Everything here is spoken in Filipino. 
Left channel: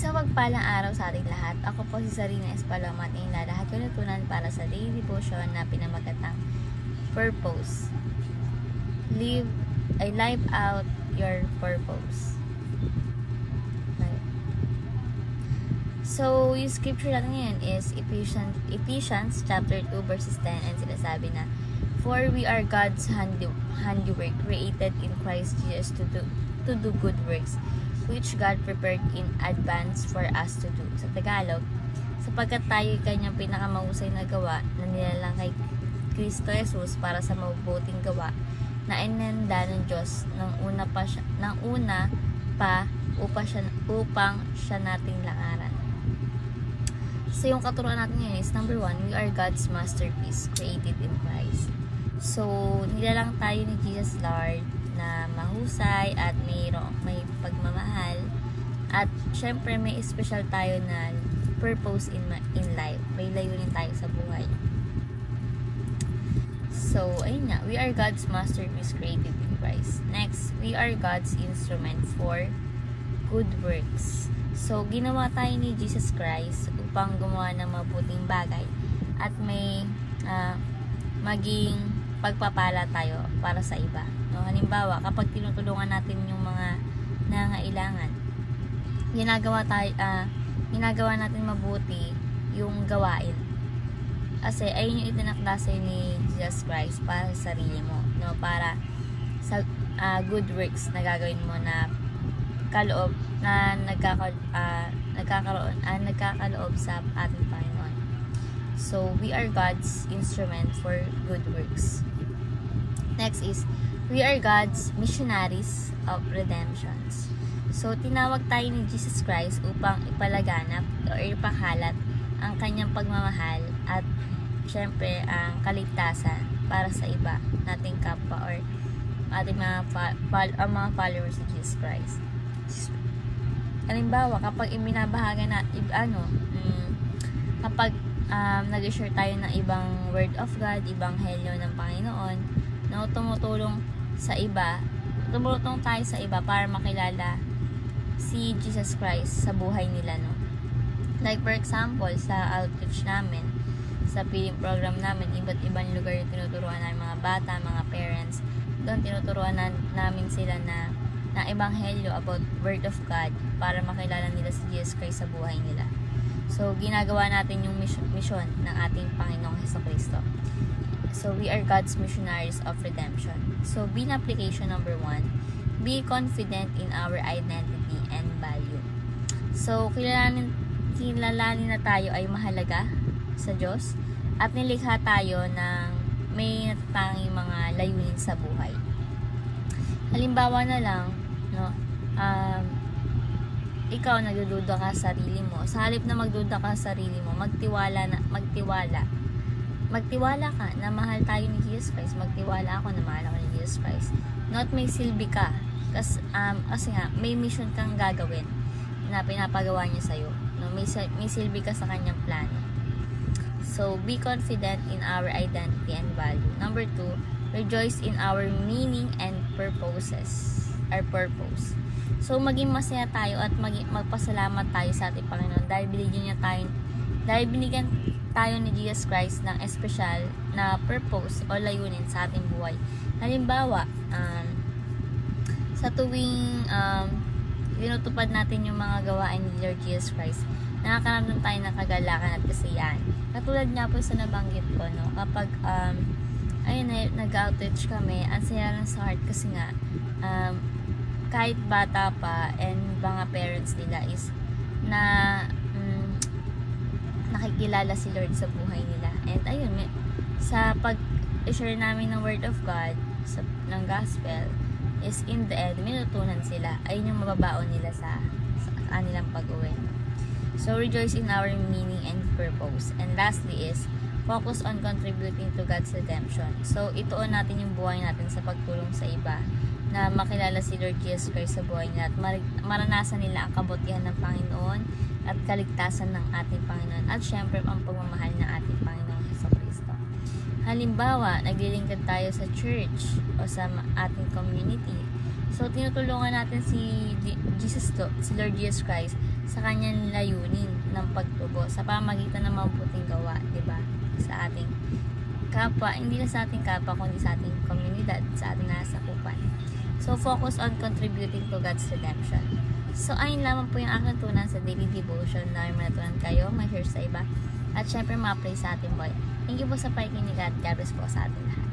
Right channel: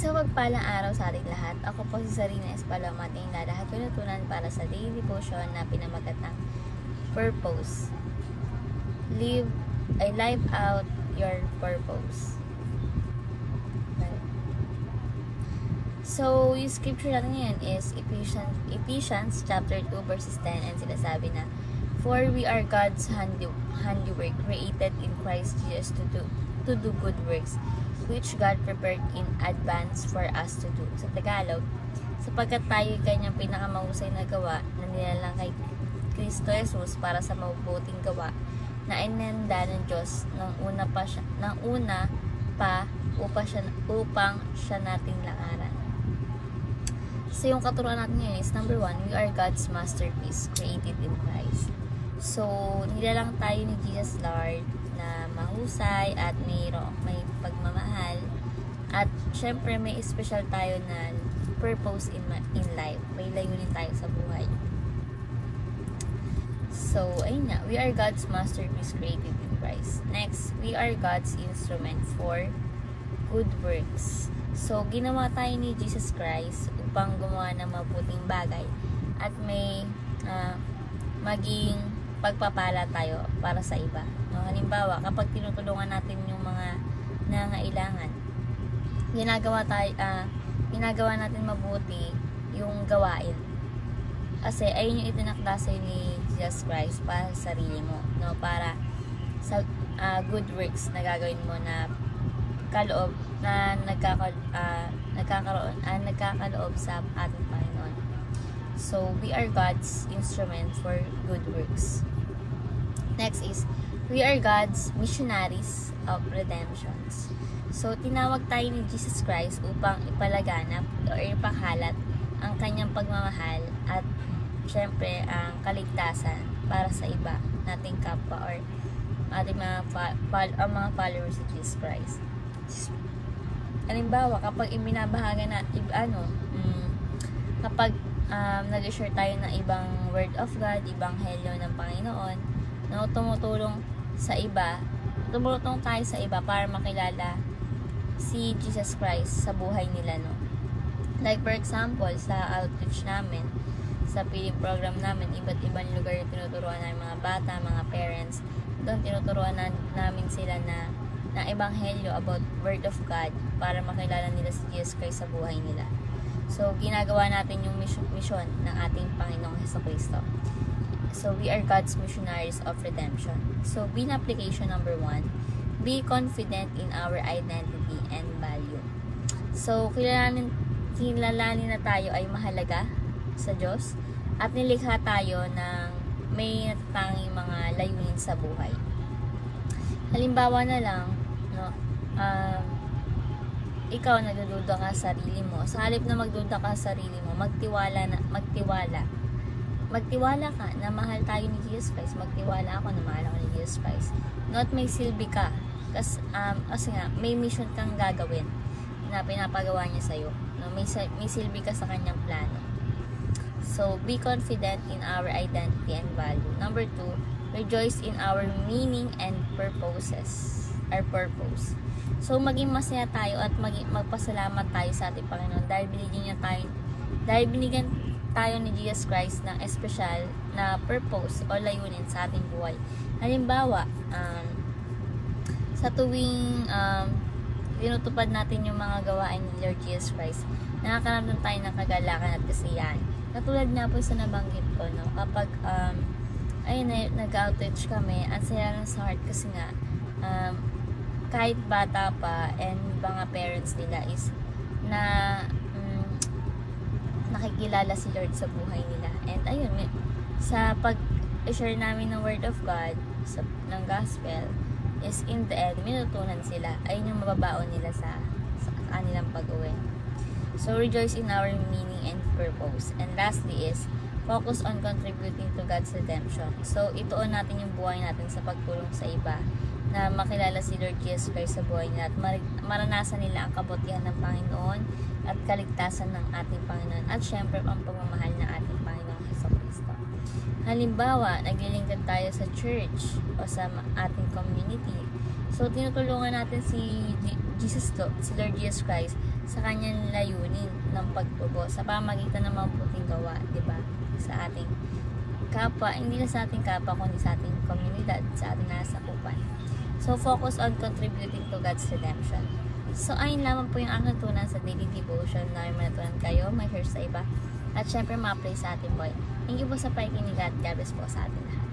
Isang magpalang araw sa ating lahat. Ako po si Sarina Espaloma at ang lahat ko natutunan para sa daily devotion na pinamagatang purpose. Live out your purpose. Right. So, yung scripture natin ngayon is Ephesians chapter 2 verses 10 and sinasabi na, "For we are God's handiwork, created in Christ Jesus to do good works, which God prepared in advance for us to do." Sa Tagalog, sapagkat tayo kanyang pinakamahusay na gawa na nilalang kay Kristo Jesus para sa mabubuting gawa na inihanda ng Diyos ng una pa upang siya nating langaran. So, yung katuruan natin ngayon is number 1, we are God's masterpiece created in Christ. So, nilalang tayo ni Jesus Lord na mahusay at may pagmamahal, at syempre may special tayo na purpose in life. May layunin tayo sa buhay. So, ayun nga, we are God's masterpiece created in Christ. Next, we are God's instrument for good works. So, ginawa tayo ni Jesus Christ upang gumawa ng mabuting bagay at may maging pagpapala tayo para sa iba. No? Halimbawa, kapag tinutulungan natin yung mga nangangailangan, ginagawa natin mabuti yung gawain. Kasi ayun yung itinakda sa'yo ni Jesus Christ para sa sarili mo, no? Para sa good works na gagawin mo na kaloob na nagkakaloob sa ating Panginoon. So, we are God's instrument for good works. Next is, we are God's missionaries of redemptions. So, tinawag tayo ni Jesus Christ upang ipalaganap o ipakalat ang kanyang pagmamahal at syempre ang kaligtasan para sa iba, nating kapwa or ating mga followers of Jesus Christ. Halimbawa, kapag ibinabahaga na kapag nag-share tayo ng ibang word of God, ibang helyo ng Panginoon, na tumutulong tayo sa iba para makilala si Jesus Christ sa buhay nila, no? Like for example, sa outreach namin, sa feeding program namin, iba't ibang lugar yung tinuturuan namin mga bata, mga parents. Doon tinuturuan namin sila na ebanghelyo about word of God para makilala nila si Jesus Christ sa buhay nila. So, ginagawa natin yung mission ng ating Panginoong Jesucristo. So, we are God's missionaries of redemption. So, bin application number 1, be confident in our identity and value. So, kilalanin na tayo ay mahalaga sa Diyos at nilikha tayo ng may natatanging mga layunin sa buhay. Halimbawa na lang, no, ikaw nagdududa ka sa sarili mo. Sa halip na magduda ka sa sarili mo, magtiwala ka na mahal tayo ni Jesus Christ. Magtiwala ako na mahal ako ni Jesus Christ. Not may silbi ka. Kasi nga, may mission kang gagawin na pinapagawa niya sa'yo. No? May silbi ka sa kanyang plano. So, be confident in our identity and value. Number 2, rejoice in our meaning and purposes. Our purpose. So, maging masaya tayo at magpasalamat tayo sa ating Panginoon dahil binigyan tayo ni Jesus Christ ng espesyal na purpose o layunin sa ating buhay. Halimbawa, sa tuwing tinutupad natin yung mga gawain ni Lord Jesus Christ, nakakaramdam tayo ng kagalakan at kasiyahan. Katulad nga po sa nabanggit ko, no? Kapag nag-outreach kami, ang saya lang sa heart kasi nga kahit bata pa and mga parents nila is na nakikilala si Lord sa buhay nila. And ayun, sa pag-share namin ng word of God, ng gospel, is in the end, minutunan sila. Ayun yung mababaon nila sa kanilang pag-uwi. So, rejoice in our meaning and purpose. And lastly is, focus on contributing to God's redemption. So, ituon natin yung buhay natin sa pagtulong sa iba na makilala si Lord Jesus Christ sa buhay nila at maranasan nila ang kabutihan ng Panginoon at kaligtasan ng ating Panginoon at syempre ang pagmamahal ng ating Panginoong Jesucristo. Halimbawa, naglilingkod tayo sa church o sa ating community. So, tinutulungan natin si Lord Jesus Christ sa kanyang layunin ng pagtubo sa pamagitan ng mabuting gawa, di ba? Sa ating kapwa, hindi na sa ating kapwa, kundi sa ating komunidad, sa ating nasakupan. So, focus on contributing to God's redemption. So, ayun lamang po yung aking tunan sa daily devotion na may matunan kayo, may share sa iba, at syempre ma-apply sa ating buhay. Thank you po sa pakikinig at God bless po sa ating lahat.